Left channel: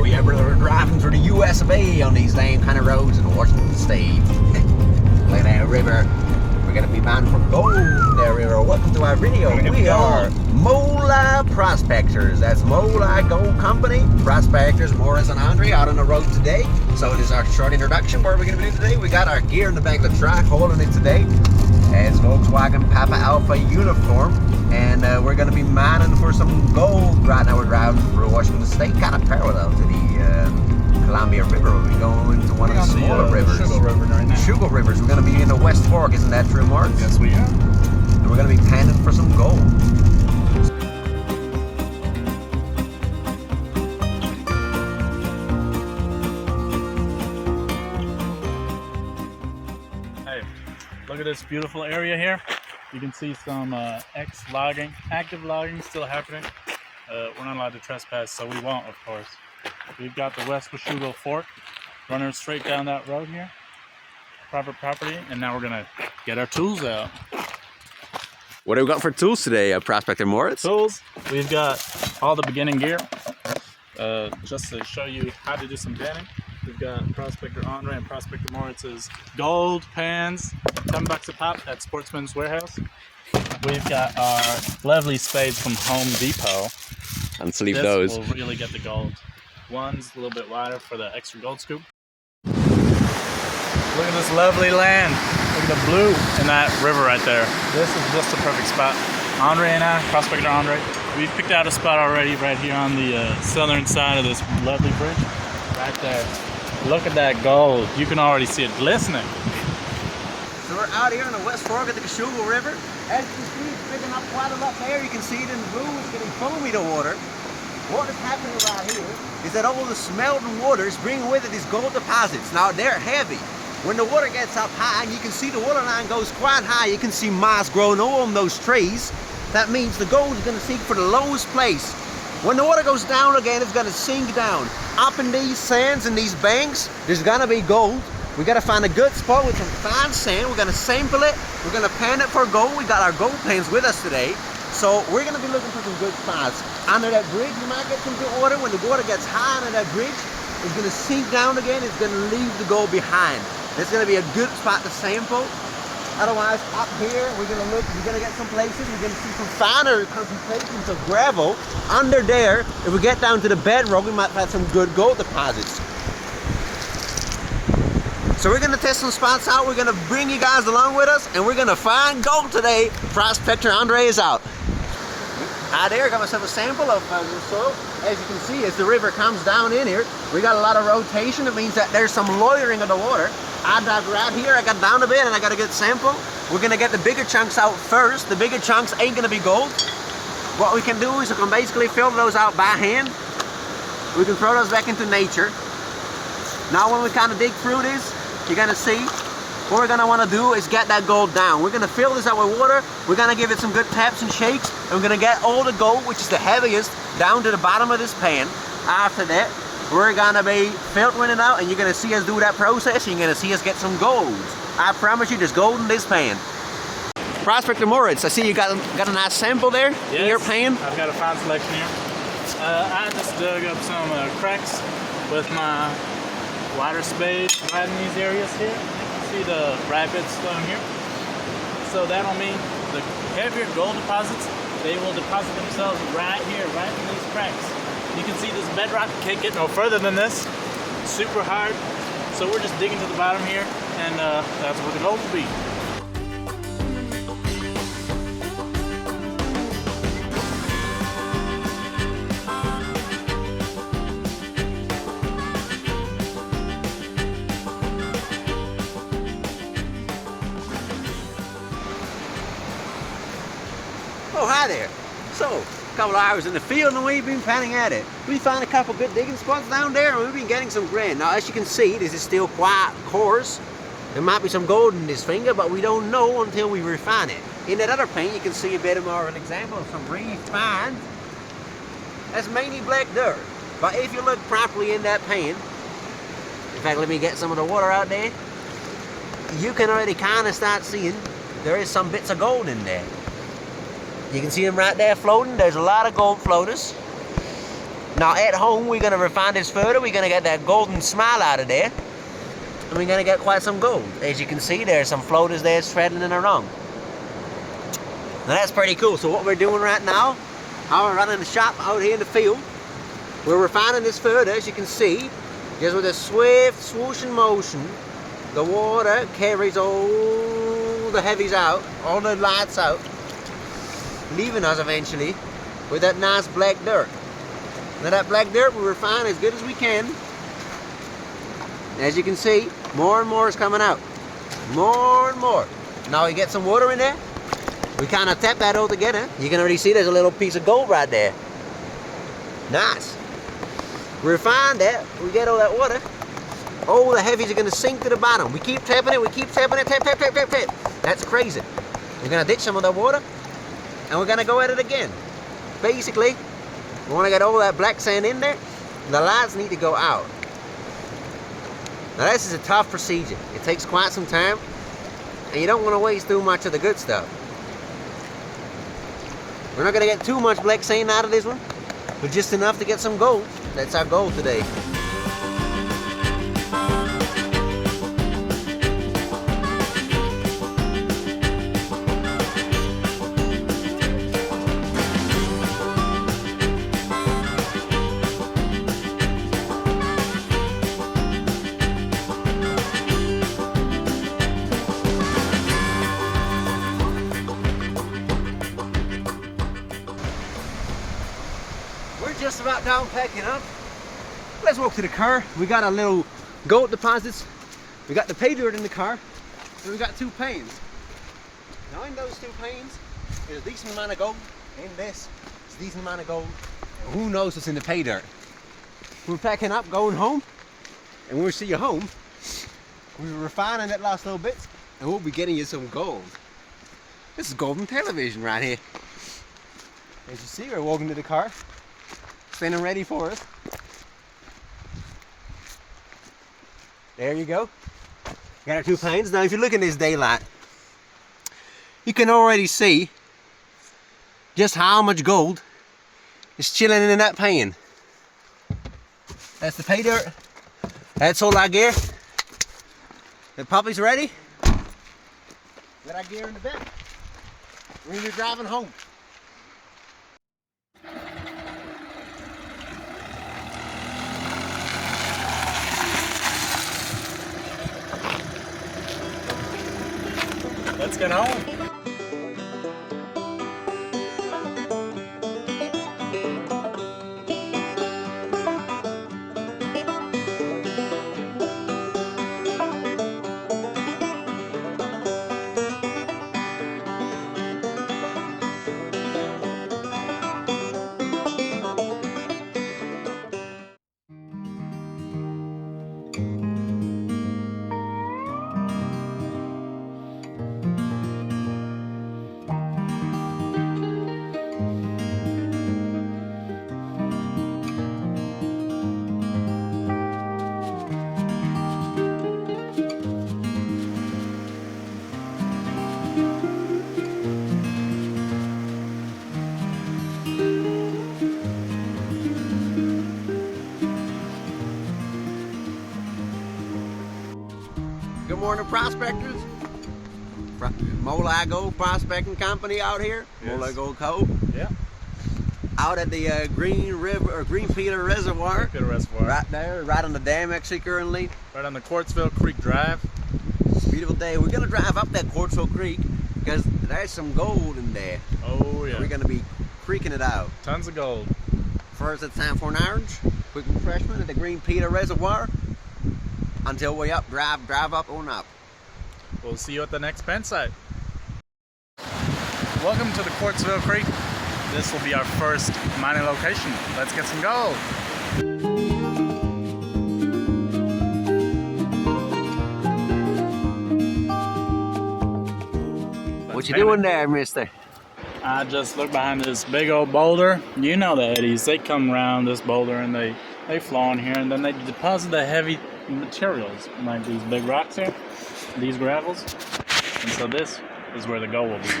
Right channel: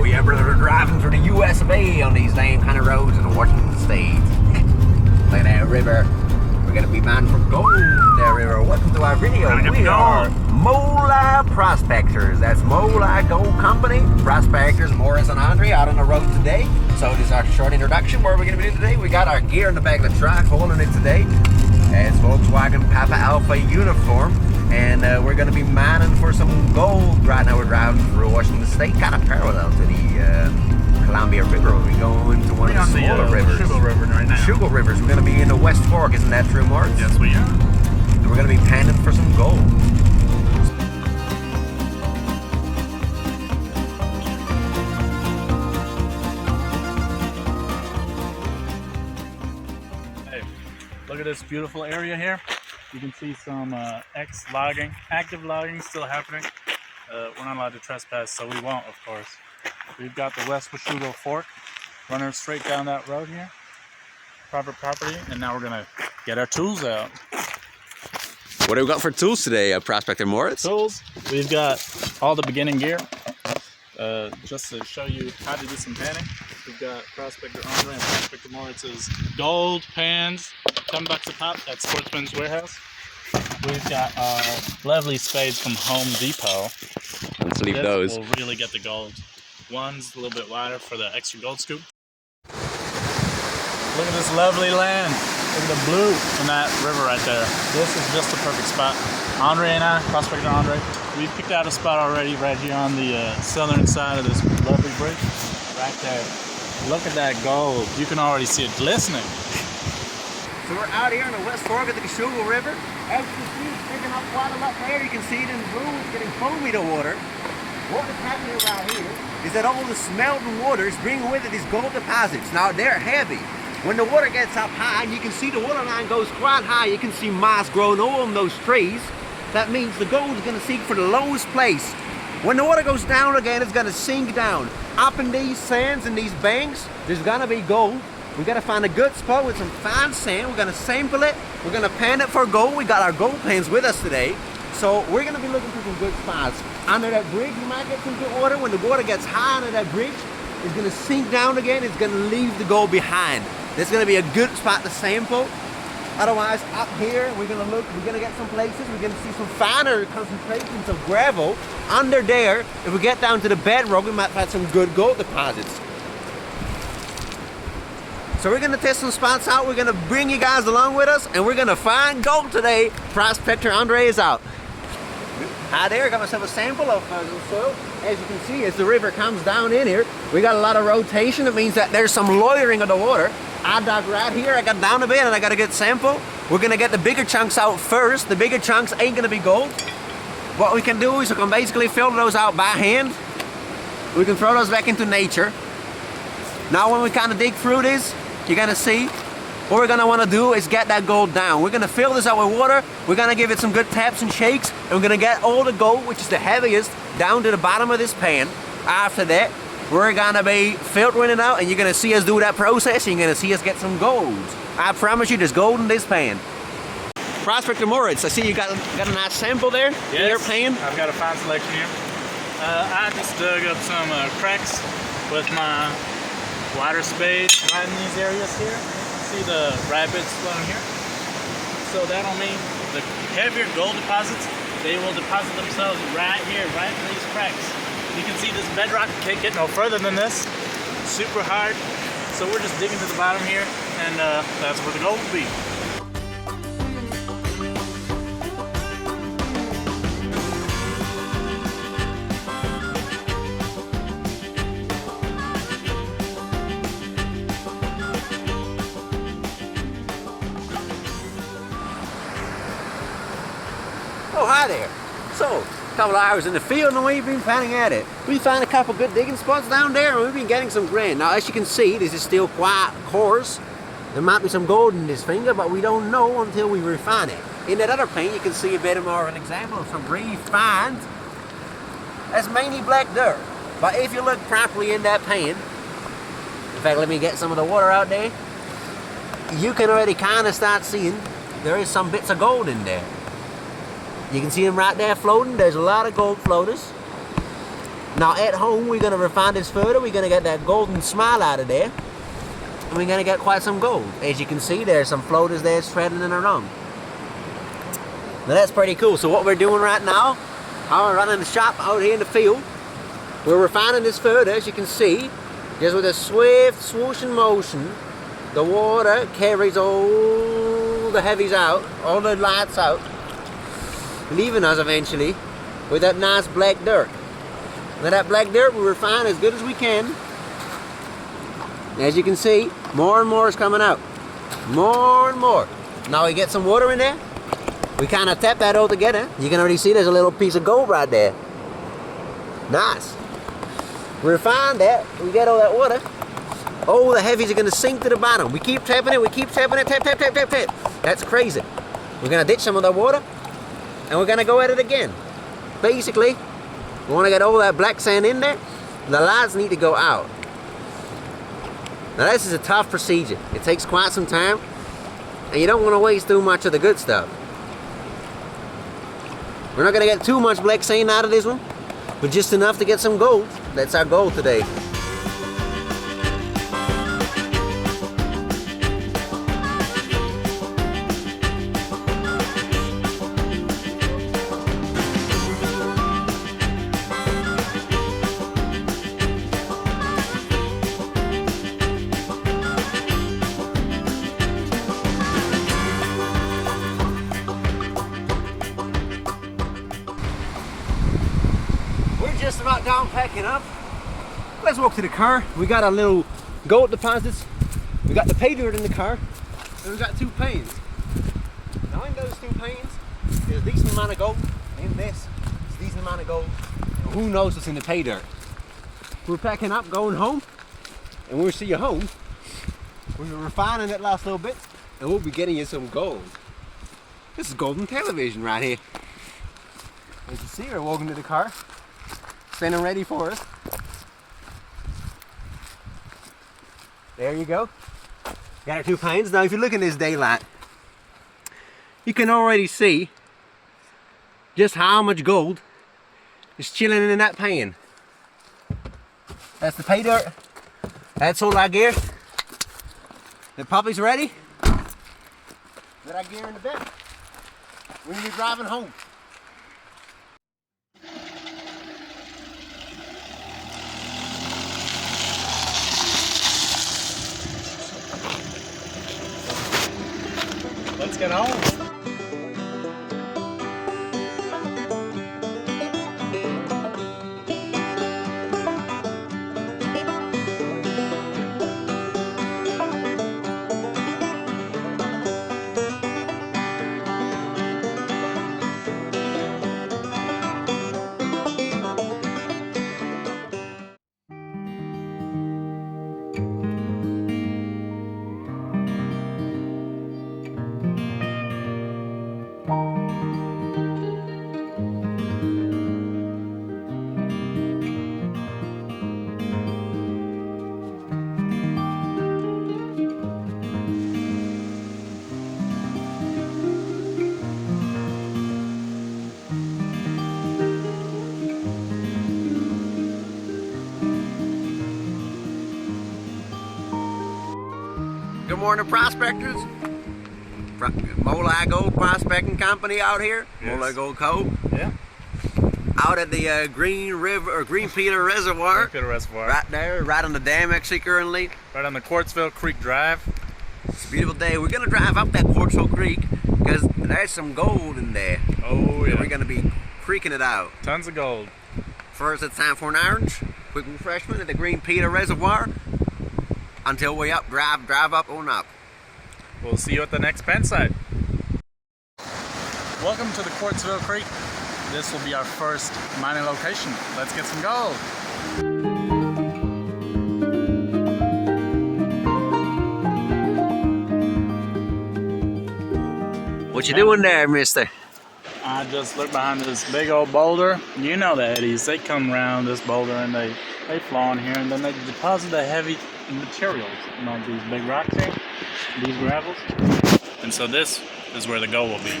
So yeah, we're driving through the US of A on these same kind of roads in Washington State. Like that river. We're gonna be mining for gold there, river. Welcome to our video. We are MoLi Prospectors. That's MoLi Gold Company. Prospectors Moritz and André out on the road today. So this is our short introduction. What we're gonna be doing today. We got our gear in the back of the truck, holding it today. It's Volkswagen Papa Alpha uniform. And we're going to be mining for some gold. Right now we're driving through Washington State, kind of parallel to the Columbia River. We're going to one of the smaller rivers. Sugar River right now. Sugar Rivers. We're going to be in the West Fork, isn't that true, Mark? Yes, we are. We're going to be panning for some gold. Hey, look at this beautiful area here. You can see some active logging still happening. We're not allowed to trespass, so we won't, of course. We've got the West Washugo Fork running straight down that road here. Private property, and now we're gonna get our tools out. What do we got for tools today, Prospector Moritz? Tools, we've got all the beginning gear. Just to show you how to do some panning. We've got Prospector André and Prospector Moritz's gold pans, $10 a pop at Sportsman's Warehouse. We've got our lovely spades from Home Depot. Let's leave those. Will really get the gold. One's a little bit wider for the extra gold scoop. Look at this lovely land. Look at the blue in that river right there. This is just the perfect spot. André and I, Prospector André, we picked out a spot already right here on the southern side of this lovely bridge. Right there. Look at that gold. You can already see it glistening. So we're out here in the West Fork of the Washugo River. As you can see, it's picking up quite a lot there. You can see it in blue. It's getting foamy, the water. What is happening right here is that all the smelting water is bringing with it these gold deposits. Now, they're heavy. When the water gets up high, and you can see the water line goes quite high, you can see moss growing all on those trees. That means the gold is going to seek for the lowest place. When the water goes down again, it's going to sink down. Up in these sands and these banks, there's going to be gold. We got to find a good spot with some fine sand. We're going to sample it. We're going to pan it for gold. We got our gold pans with us today. So we're going to be looking for some good spots. Under that bridge, you might get some good water. When the water gets high under that bridge, it's going to sink down again. It's going to leave the gold behind. That's going to be a good spot to sample. Otherwise, up here, we're going to look, we're going to get some places, we're going to see some finer concentrations of gravel. Under there, if we get down to the bedrock, we might find some good gold deposits. So we're going to test some spots out. We're going to bring you guys along with us, and we're going to find gold today. Prospector André is out. Hi there, I got myself a sample of the soil. As you can see, as the river comes down in here, we got a lot of rotation. It means that there's some lowering of the water. I dug right here, I got down a bit, and I got a good sample. We're gonna get the bigger chunks out first. The bigger chunks ain't gonna be gold. What we can do is we can basically fill those out by hand. We can throw those back into nature. Now when we kind of dig through this, you're gonna see what we're gonna wanna do is get that gold down. We're gonna fill this out with water. We're gonna give it some good taps and shakes. And we're gonna get all the gold, which is the heaviest, down to the bottom of this pan. After that, we're gonna be filtering it out, and you're gonna see us do that process, and you're gonna see us get some gold. I promise you, there's gold in this pan. Prospector Moritz, I see you got a nice sample there in your pan. I've got a fine selection here. I just dug up some cracks with my wider spade right in these areas here. You can see the rapids flowing here. So that'll mean the heavier gold deposits, they will deposit themselves right here, right in these cracks. You can see this bedrock can't get no further than this. Super hard. So we're just digging to the bottom here, and that's where the gold will be. Oh, hi there. So, a couple of hours in the field and we've been panning at it. We found a couple good digging spots down there, and we've been getting some grain. Now, as you can see, this is still quite coarse. There might be some gold in this finger, but we don't know until we refine it. In that other pan, you can see a bit more of an example of some refined. That's mainly black dirt. But if you look properly in that pan, in fact, let me get some of the water out there, you can already kind of start seeing there is some bits of gold in there. You can see them right there floating. There's a lot of gold floaters. Now at home, we're gonna refine this further. We're gonna get that golden smile out of there. And we're gonna get quite some gold. As you can see, there's some floaters there straddling around. Now that's pretty cool. So what we're doing right now, we're running the shop out here in the field. We're refining this further, as you can see. Just with a swift swooshing motion, the water carries all the heavies out, all the lights out, leaving us eventually with that nice black dirt. Now that black dirt we refine as good as we can. As you can see, more and more is coming out. More and more. Now we get some water in there. We kind of tap that all together. You can already see there's a little piece of gold right there. Nice. We refine that. We get all that water. All the heavies are going to sink to the bottom. We keep tapping it. We keep tapping it. Tap, tap, tap, tap, tap. That's crazy. We're going to ditch some of that water. And we're going to go at it again. Basically, we want to get all that black sand in there. The lights need to go out. Now this is a tough procedure. It takes quite some time. And you don't want to waste too much of the good stuff. We're not going to get too much black sand out of this one. But just enough to get some gold. That's our goal today. Just about done packing up. Let's walk to the car. We got our little gold deposits. We got the pay dirt in the car. And we got 2 panes. Now in those 2 panes, there's a decent amount of gold. In this, it's a decent amount of gold. And who knows what's in the pay dirt. We're packing up, going home. And when we see you home, we're refining that last little bit. And we'll be getting you some gold. This is golden television right here. As you see, we're walking to the car. Standing ready for us. There you go. Got our 2 panes. Now if you look in this daylight, you can already see just how much gold is chilling in that pan. That's the pay dirt. That's all our gear. The puppy's ready. Got our gear in the bed. We're gonna be driving home. Let's get home. Good morning, prospectors. MoLi Gold Prospecting Company out here. Yes. MoLi Gold Co. Yeah. Out at the Green Peter Reservoir. Green Peter Reservoir. Right there, right on the dam actually currently. Right on the Quartzville Creek Drive. It's a beautiful day. We're gonna drive up that Quartzville Creek because there's some gold in there. Oh yeah. So we're gonna be creeking it out. Tons of gold. First, it's time for an orange. Quick refreshment at the Green Peter Reservoir. Until we drive up on up. We'll see you at the next pen site. Welcome to the Quartzville Creek. This will be our first mining location. Let's get some gold. What you doing there, mister? I just looked behind this big old boulder. You know the eddies, they come around this boulder and they flow in here and then they deposit the heavy materials, like these big rocks here, these gravels. And so this is where the gold will be.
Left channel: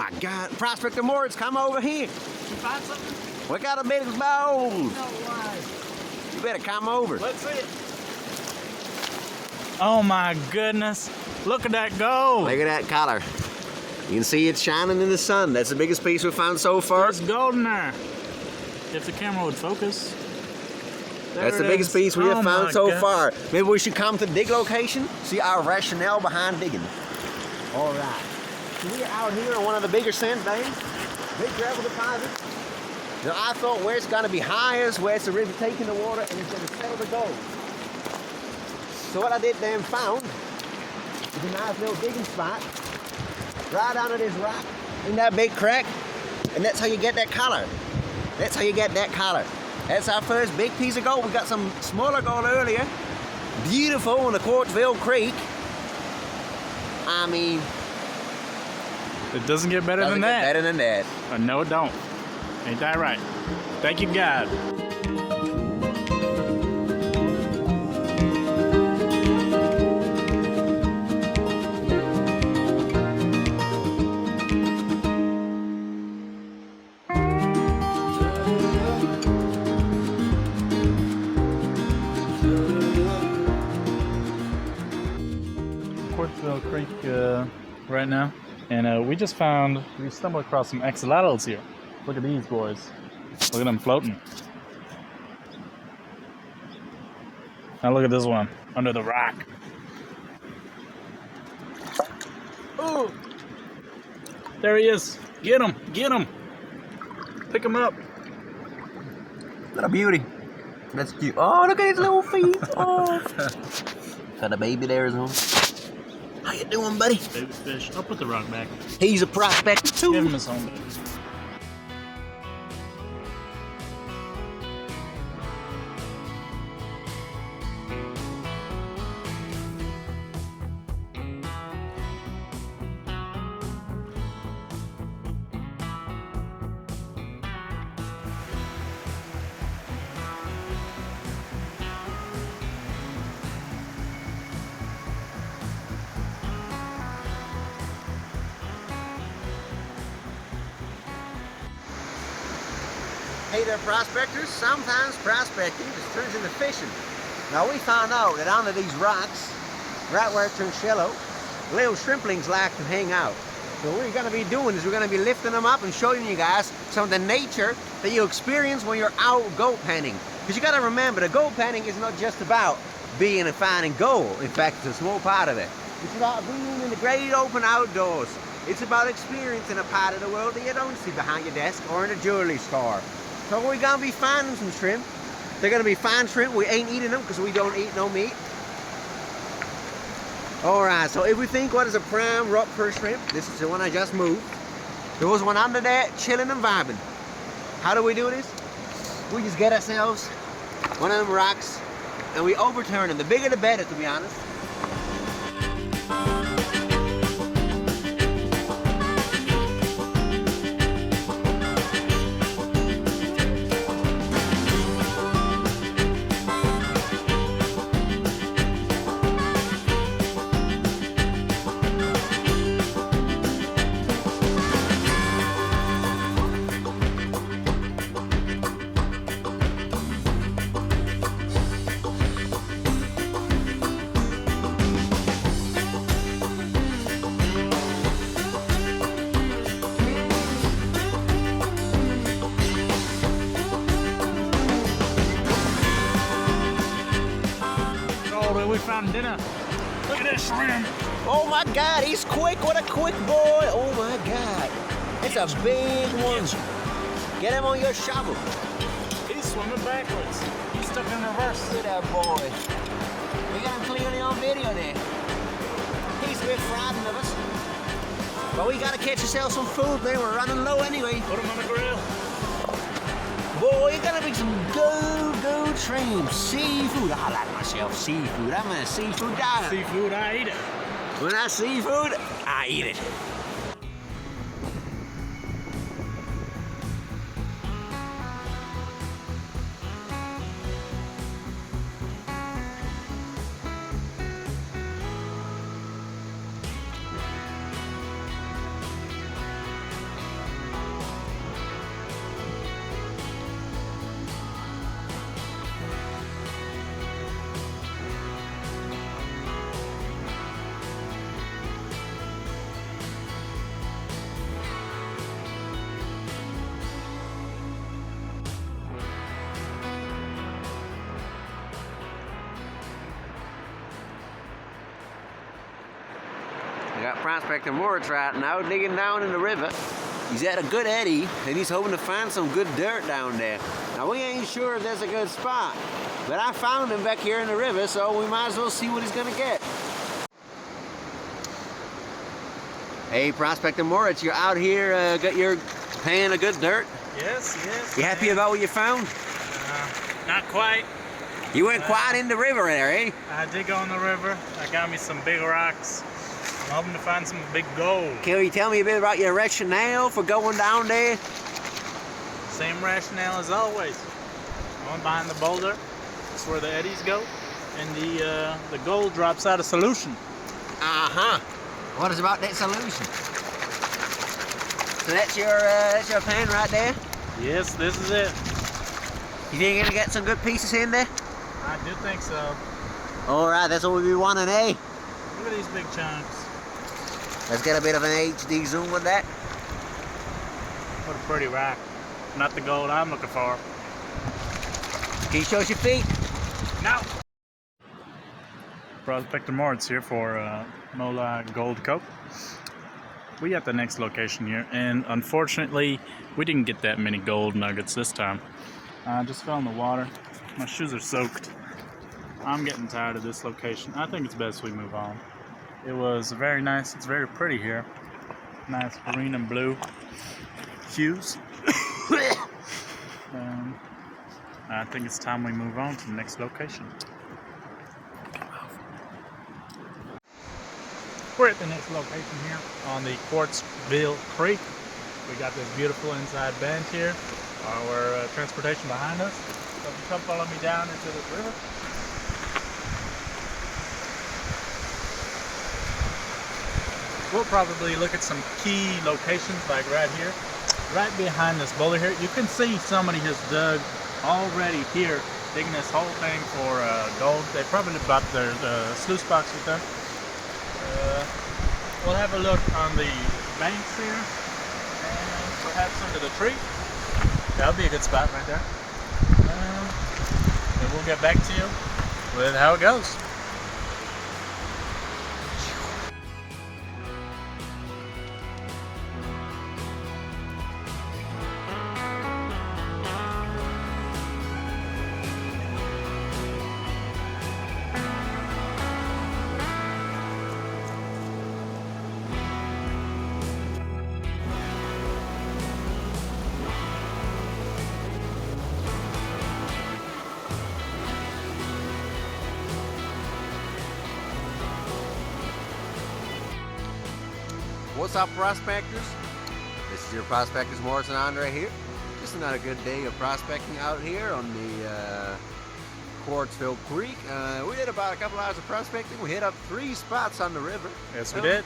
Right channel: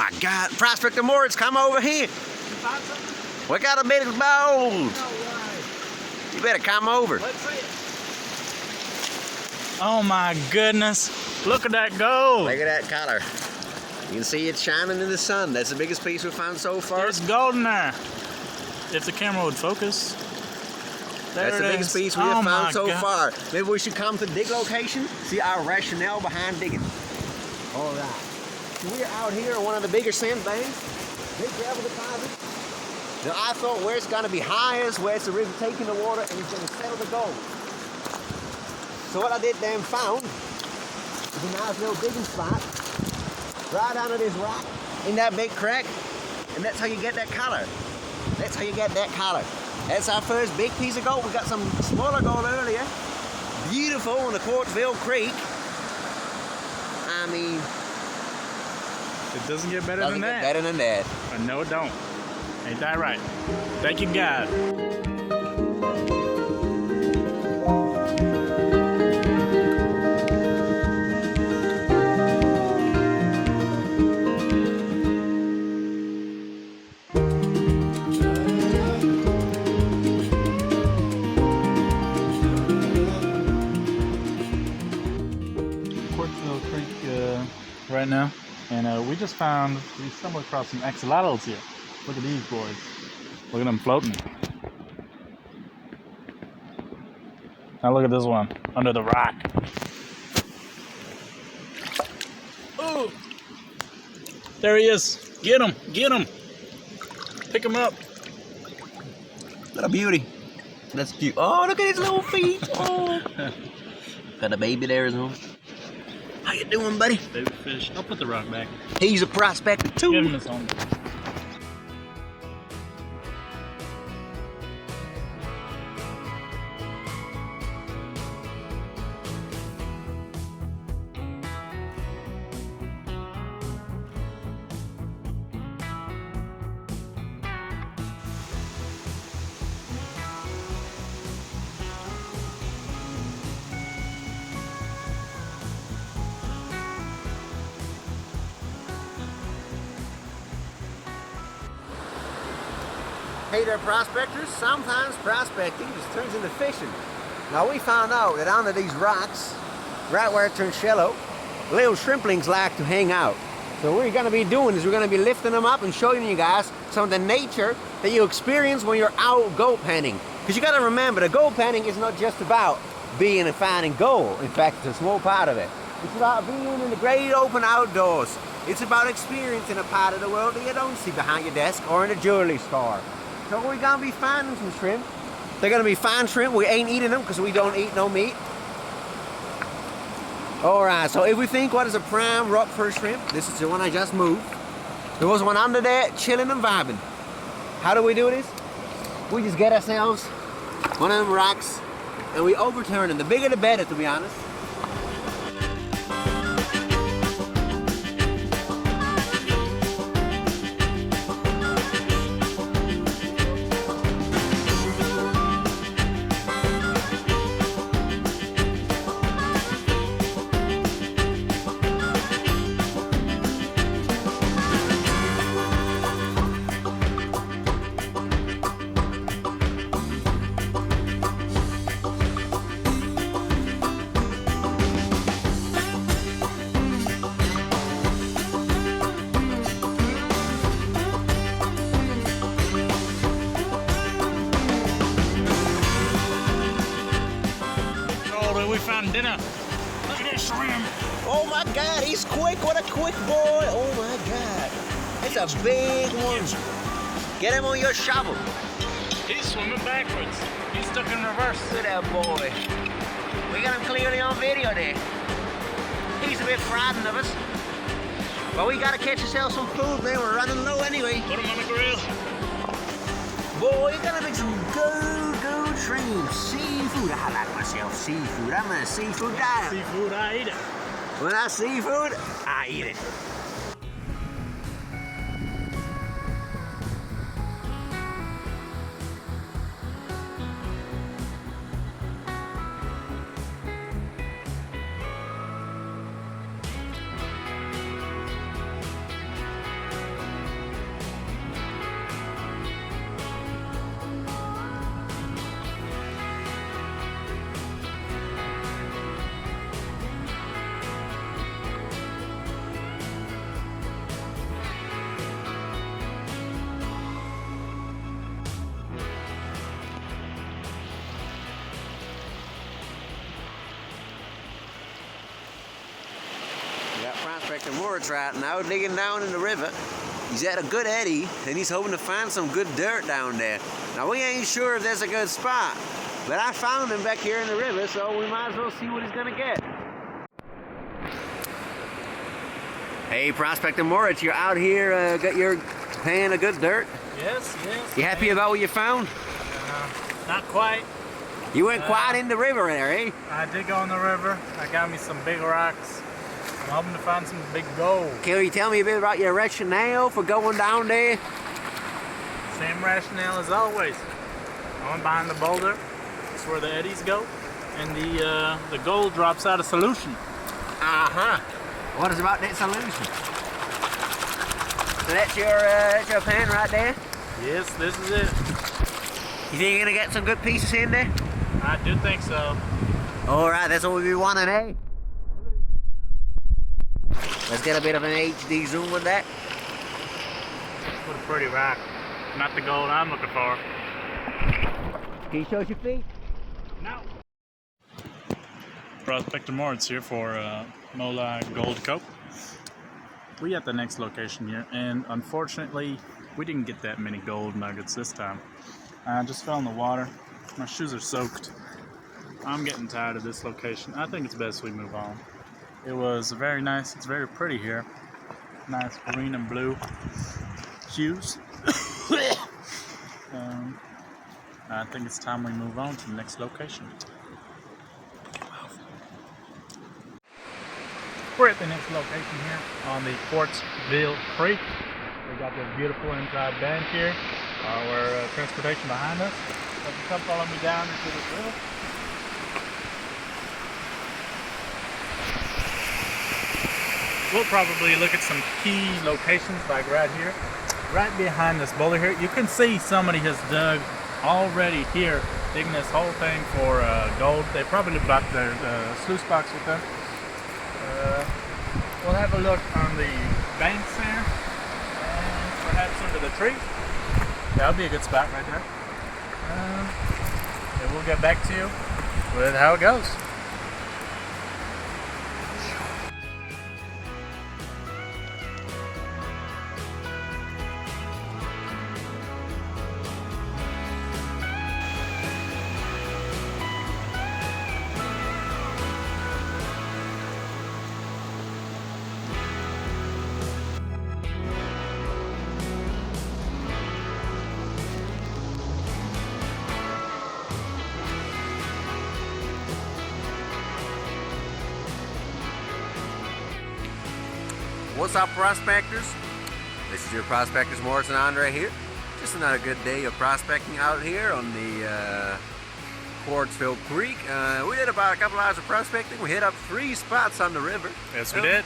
my God. Prospector Moritz, come over here. You find something? We got a big bowl. No way. You better come over. Let's see it. Oh my goodness. Look at that gold. Look at that color. You can see it shining in the sun. That's the biggest piece we found so far. It's golden there. If the camera would focus. That's the biggest piece we have found so far. Maybe we should come to the dig location, see our rationale behind digging. All right. So we're out here on one of the bigger sand banks, big gravel deposits. Now I thought where it's going to be highest, where it's really taking the water and it's going to settle the gold. So what I did then found is a nice little digging spot right under this rock in that big crack, and that's how you get that color. That's how you get that color. That's our first big piece of gold. We got some smaller gold earlier. Beautiful in the Quartzville Creek. I mean, it doesn't get better than that. Better than that. No, it don't. Ain't that right? Thank you, God. Quartzville Creek right now, and we stumbled across some axolotls here. Look at these boys. Look at them floating. Now look at this one under the rock. Oh, there he is. Get him, get him. Pick him up. What a beauty. That's cute. Oh, look at his little feet. Oh. Got a baby there as well. How you doing, buddy? Baby fish. I'll put the rock back. He's a prospector too. Give him his home. Hey there, prospectors. Sometimes prospecting just turns into fishing. Now we found out that under these rocks, right where it turns shallow, little shrimplings like to hang out. So what we're going to be doing is we're going to be lifting them up and showing you guys some of the nature that you experience when you're out gold panning. Because you got to remember, the gold panning is not just about being and finding gold. In fact, it's a small part of it. It's about being in the great open outdoors. It's about experiencing a part of the world that you don't see behind your desk or in a jewelry store. So we're going to be finding some shrimp. They're going to be fine shrimp. We ain't eating them because we don't eat no meat. Alright, so if we think what is a prime rock for a shrimp, this is the one I just moved. There was one under there chilling and vibing. How do we do this? We just get ourselves one of them rocks and we overturn them. The bigger the better, to be honest. We found dinner. Look at this shrimp. Oh my God, he's quick. What a quick boy. Oh my God. It's a big one. Get him on your shovel. He's swimming backwards. He's stuck in reverse. Look at that boy. We got him clearly on video there. He's a bit frightened of us. But we gotta catch ourselves some food, man. We're running low anyway. Put him on the grill. Boy, you gotta make some good shrimp. Seafood. I like myself seafood. I'm a seafood guy. Seafood, I eat it. When I see food, I eat it. Got Prospector Moritz right now digging down in the river. He's at a good eddy and he's hoping to find some good dirt down there. Now we ain't sure if there's a good spot, but I found him back here in the river, so we might as well see what he's gonna get. Hey, Prospector Moritz, you're out here, got your pan of good dirt? Yes. You happy about what you found? Not quite. You went quite in the river there, eh? I did go in the river. I got me some big rocks. I'm hoping to find some big gold. Can you tell me a bit about your rationale for going down there? Same rationale as always. I went behind the boulder. That's where the eddies go. And the gold drops out of solution. Uh-huh. What is about that solution? So that's your pan right there? Yes, this is it. You think you're gonna get some good pieces in there? I do think so. Alright, that's what we be wanting, eh? Look at these big chunks. Let's get a bit of an HD zoom with that. What a pretty rock. Not the gold I'm looking for. Can you show us your feet? No. Prospector Moritz here for MoLi Gold Co. We at the next location here, and unfortunately, we didn't get that many gold nuggets this time. I just fell in the water. My shoes are soaked. I'm getting tired of this location. I think it's best we move on. It was very nice. It's very pretty here. Nice green and blue hues. I think it's time we move on to the next location. We're at the next location here on the Quartzville Creek. We got this beautiful inside bench here. Our transportation behind us. So if you come follow me down into this river. We'll probably look at some key locations like right here. Right behind this boulder here. You can see somebody has dug already here, digging this whole thing for gold. They probably brought their sluice box with them. We'll have a look on the banks here and perhaps under the tree. That'll be a good spot right there. And we'll get back to you with how it goes. What's up, prospectors? This is your Prospectors Moritz and André here. Just another good day of prospecting out here on the Quartzville Creek. We did about a couple hours of prospecting. We hit up 3 spots on the river. Yes, we did.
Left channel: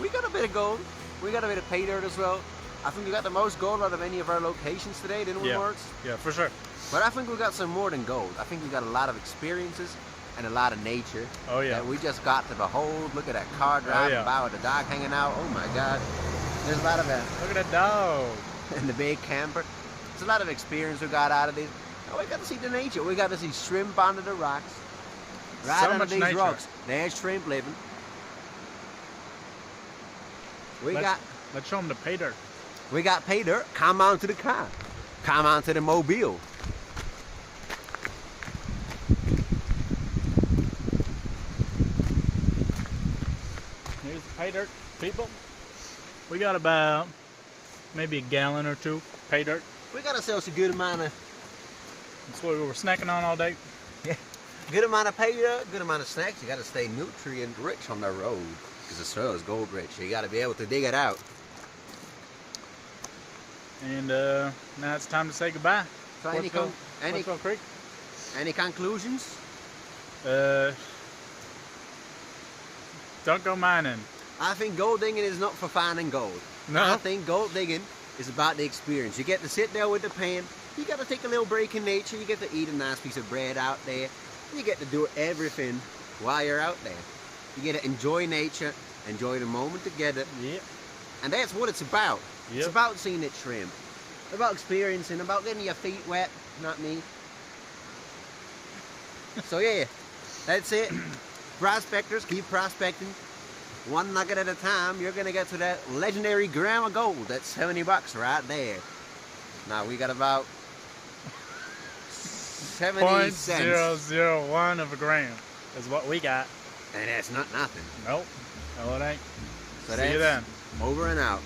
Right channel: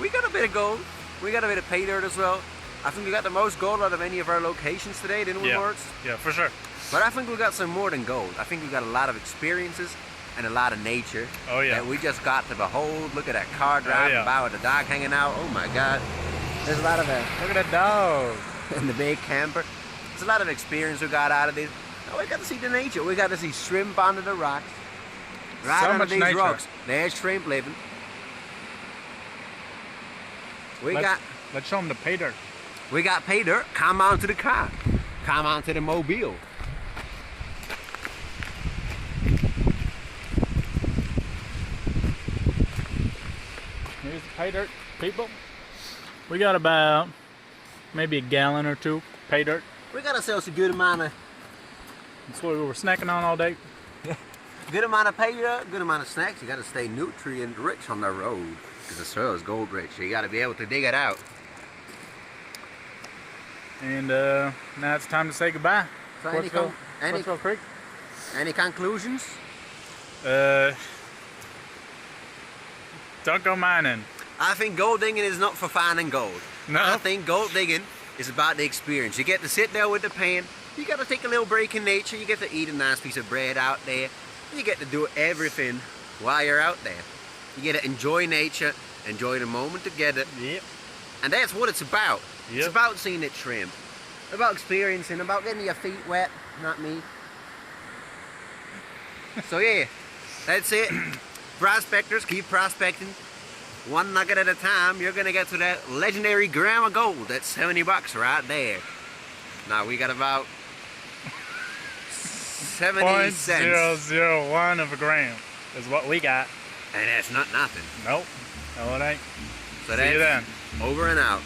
We got a bit of gold. We got a bit of pay dirt as well. I think we got the most gold out of any of our locations today, didn't we, Moritz? Yeah, for sure. But I think we got some more than gold. I think we got a lot of experiences and a lot of nature. Oh yeah. That we just got to behold. Look at that car driving by with the dog hanging out. Oh my God. There's a lot of Look at that dog. and the big camper. There's a lot of experience we got out of this. Oh, we got to see the nature. We got to see shrimp under the rocks. Right So under much these nature. rocks. There's shrimp living. Let's show them the pay dirt. We got pay dirt. Come on to the car. Come on to the mobile. Here's the pay dirt, people. We got about maybe a gallon or 2 pay dirt. We got ourselves a good amount of That's what we were snacking on all day. good amount of pay dirt, good amount of snacks. You got to stay nutrient rich on the road because the soil is gold rich. You got to be able to dig it out. And now it's time to say goodbye. So Quartzville Creek. any conclusions? Don't go mining. I think gold digging is not for finding gold. No. I think gold digging is about the experience. You get to sit there with the pan. You got to take a little break in nature. You get to eat a nice piece of bread out there. You get to do everything while you're out there. You get to enjoy nature, enjoy the moment together. Yep. And that's what it's about. Yep. It's about seeing it trim. About experiencing, about getting your feet wet, not me. So yeah, that's it. Prospectors, keep prospecting. one nugget at a time, you're gonna get to that legendary gram of gold. That's 70 bucks right there. Now we got about 70 cents. 0.001 of a gram is what we got. And that's not nothing. Nope. No, it ain't. So See you that's then. over and out.